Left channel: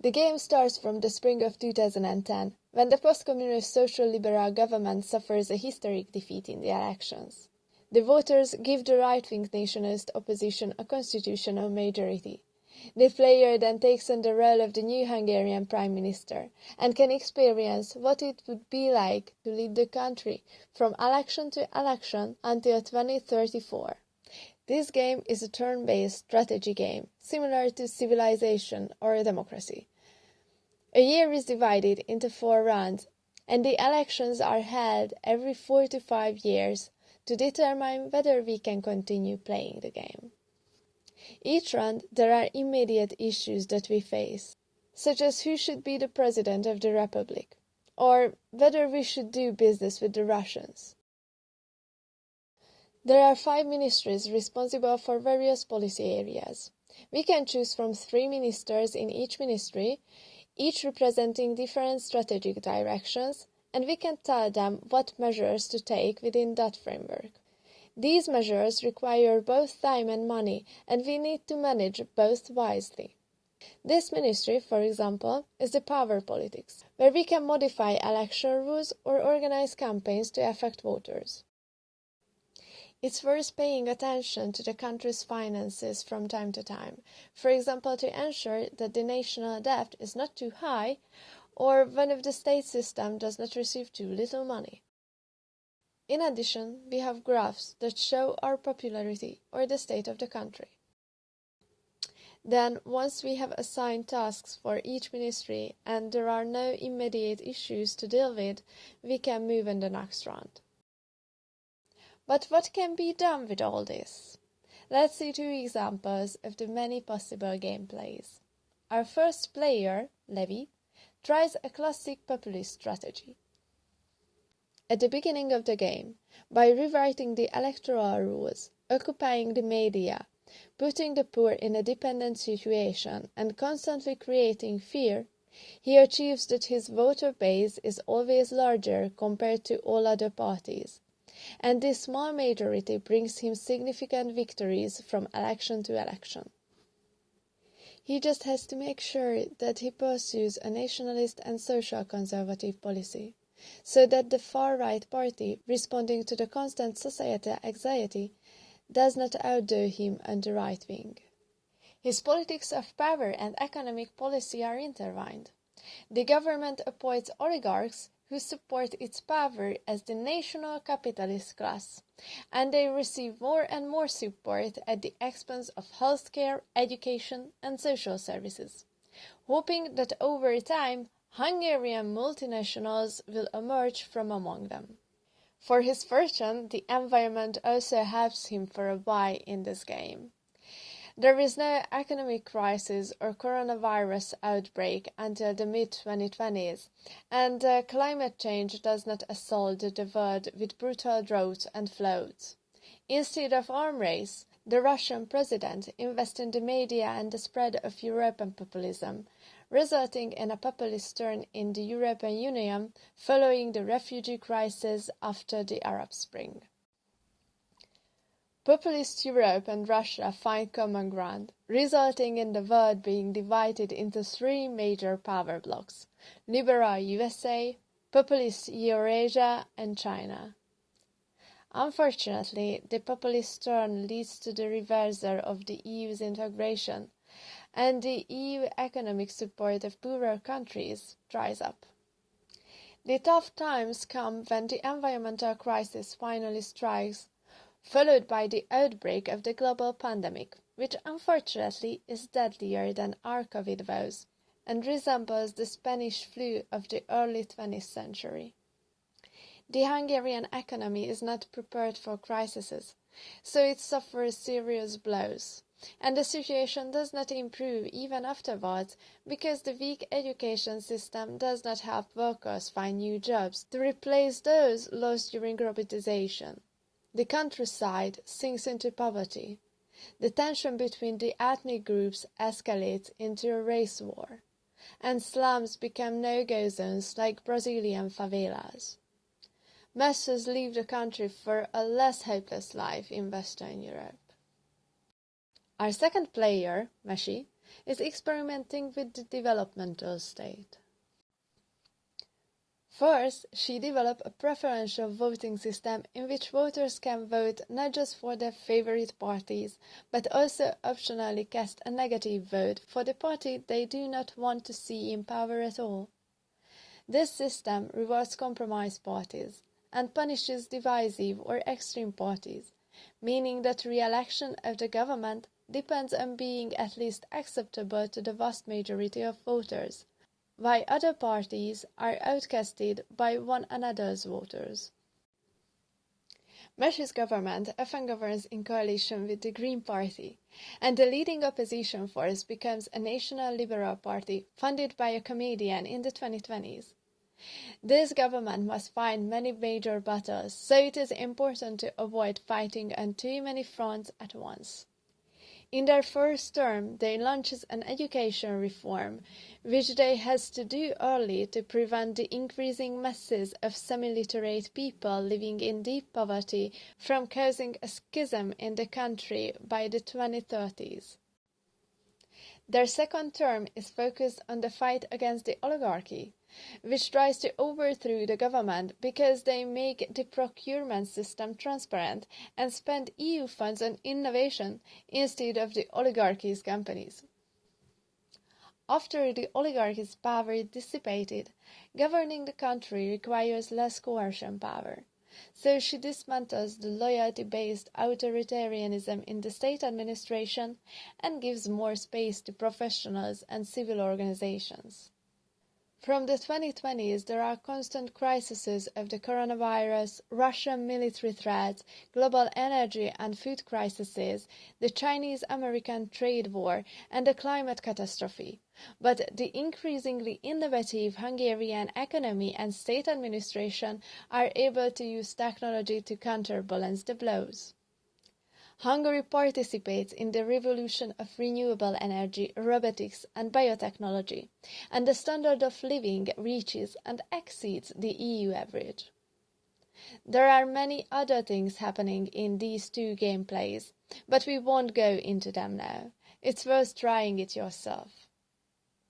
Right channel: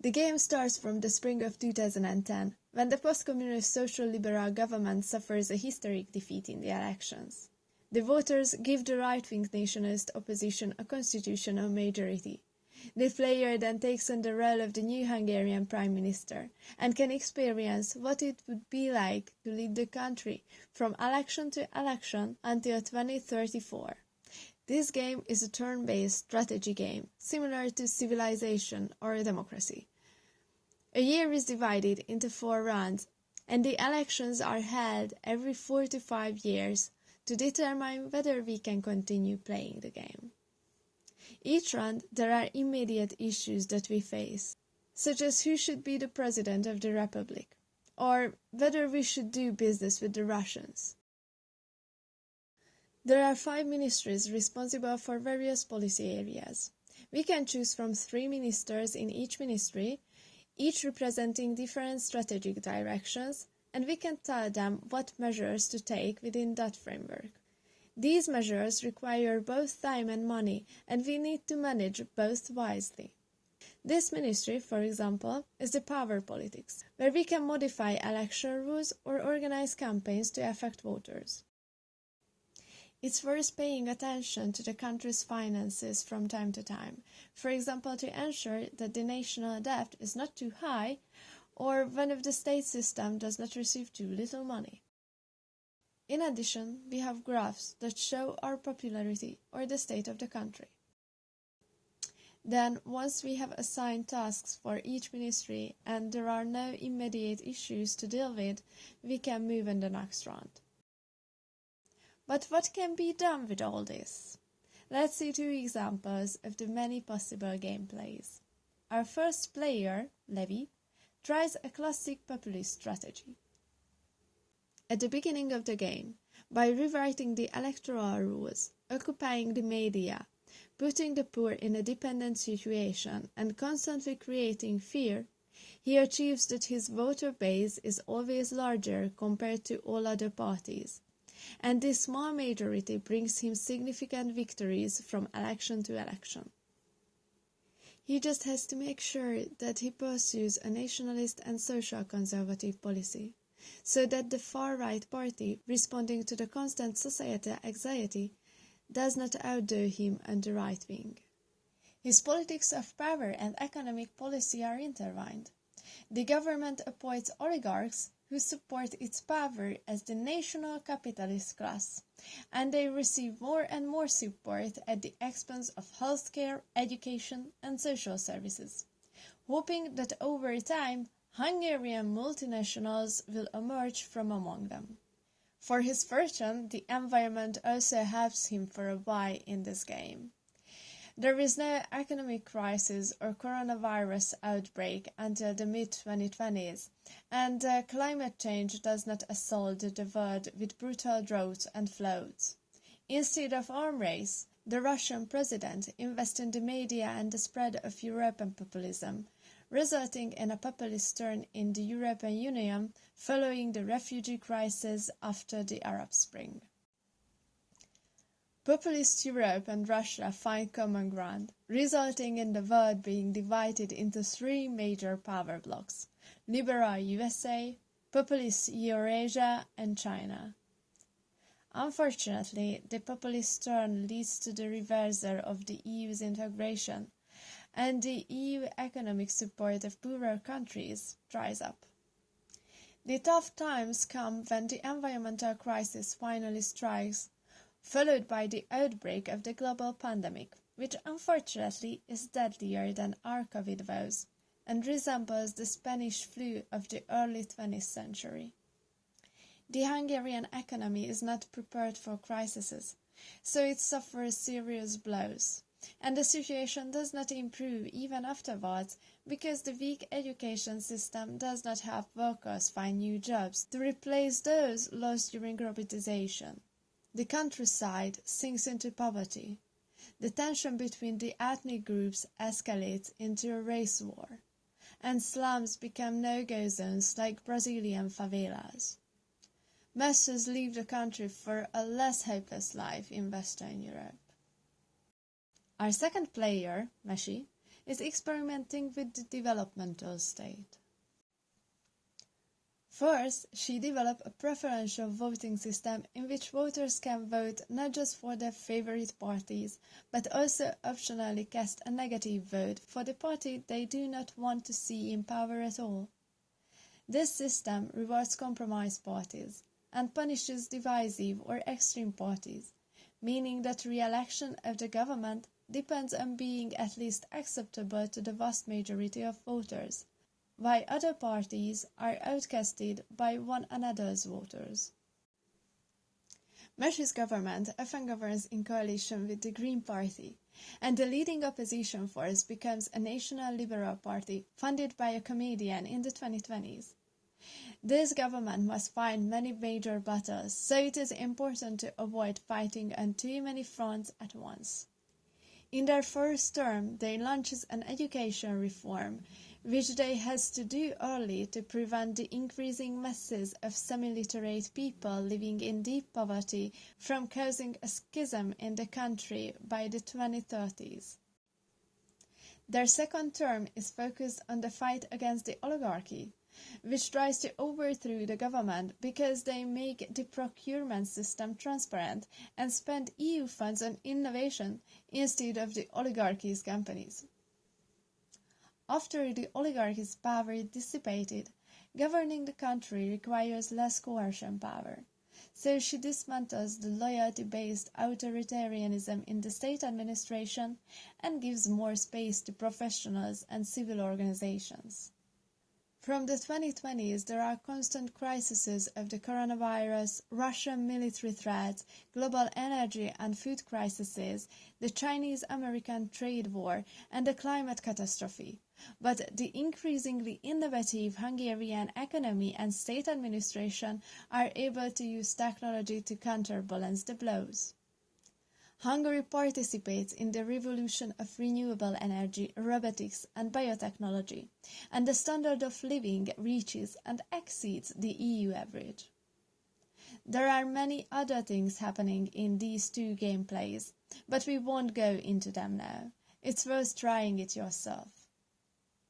The game starts from the spring of 2010, when the post-communist social liberal government suffers a historic defeat in the elections. The voters give the right-wing nationalist opposition a constitutional majority. The player then takes on the role of the new Hungarian Prime Minister and can experience what it would be like to lead the country from election to election until 2034. This game is a turn-based strategy game, similar to Civilization or Democracy. A year is divided into 4 rounds, and the elections are held every 4 to 5 years to determine whether we can continue playing the game. Each round there are immediate issues that we face, such as who should be the President of the Republic, or whether we should do business with the Russians. There are 5 ministries responsible for various policy areas. We can choose from 3 ministers in each ministry, each representing different strategic directions, and we can tell them what measures to take within that framework. These measures require both time and money, and we need to manage both wisely. This ministry, for example, is the power politics, where we can modify election rules or organize campaigns to affect voters. It's worth paying attention to the country's finances from time to time, for example to ensure that the national debt is not too high, or when if the state system does not receive too little money. In addition, we have graphs that show our popularity or the state of the country. Then, once we have assigned tasks for each ministry and there are no immediate issues to deal with, we can move in the next round. But what can be done with all this? Let's see 2 examples of the many possible gameplays. Our first player, Levy, tries a classic populist strategy. At the beginning of the game, by rewriting the electoral rules, occupying the media, putting the poor in a dependent situation, and constantly creating fear, he achieves that his voter base is always larger compared to all other parties. And this small majority brings him significant victories from election to election. He just has to make sure that he pursues a nationalist and social conservative policy, so that the far-right party, responding to the constant societal anxiety, does not outdo him on the right wing. His politics of power and economic policy are intertwined. The government appoints oligarchs who support its power as the national capitalist class, and they receive more and more support at the expense of healthcare, education, and social services, hoping that over time Hungarian multinationals will emerge from among them. For his fortune, the environment also helps him for a while in this game. There is no economic crisis or coronavirus outbreak until the mid-2020s, and climate change does not assault the world with brutal drought and floods. Instead of arms race, the Russian president invests in the media and the spread of European populism, resulting in a populist turn in the European Union following the refugee crisis after the Arab Spring. Populist Europe and Russia find common ground, resulting in the world being divided into 3 major power blocs: liberal USA, populist Eurasia, and China. Unfortunately, the populist turn leads to the reversal of the EU's integration, and the EU economic support of poorer countries dries up. The tough times come when the environmental crisis finally strikes, followed by the outbreak of the global pandemic, which unfortunately is deadlier than our COVID woes and resembles the Spanish flu of the early 20th century. The Hungarian economy is not prepared for crises, so it suffers serious blows, and the situation does not improve even afterwards because the weak education system does not help workers find new jobs to replace those lost during globalization. The countryside sinks into poverty. The tension between the ethnic groups escalates into a race war, and slums become no-go zones like Brazilian favelas. Masses leave the country for a less hopeless life in Western Europe. Our second player, Meshi, is experimenting with the developmental state. First, she developed a preferential voting system in which voters can vote not just for their favorite parties, but also optionally cast a negative vote for the party they do not want to see in power at all. This system rewards compromise parties and punishes divisive or extreme parties, meaning that re-election of the government depends on being at least acceptable to the vast majority of voters, while other parties are outcasted by one another's voters. Mersch's government often governs in coalition with the Green Party, and the leading opposition force becomes a National Liberal Party funded by a comedian in the 2020s. This government must fight many major battles, so it is important to avoid fighting on too many fronts at once. In their first term, they launched an education reform, which they had to do early to prevent the increasing masses of semi-literate people living in deep poverty from causing a schism in the country by the 2030s. Their second term is focused on the fight against the oligarchy, which tries to overthrow the government because they make the procurement system transparent and spend EU funds on innovation instead of the oligarchy's companies. After the oligarchy's power dissipated, governing the country requires less coercion power, so she dismantles the loyalty-based authoritarianism in the state administration and gives more space to professionals and civil organizations. From the 2020s, there are constant crises of the coronavirus, Russian military threats, global energy and food crises, the Chinese-American trade war, and the climate catastrophe. But the increasingly innovative Hungarian economy and state administration are able to use technology to counterbalance the blows. Hungary participates in the revolution of renewable energy, robotics and biotechnology, and the standard of living reaches and exceeds the EU average. There are many other things happening in these two gameplays, but we won't go into them now. It's worth trying it yourself.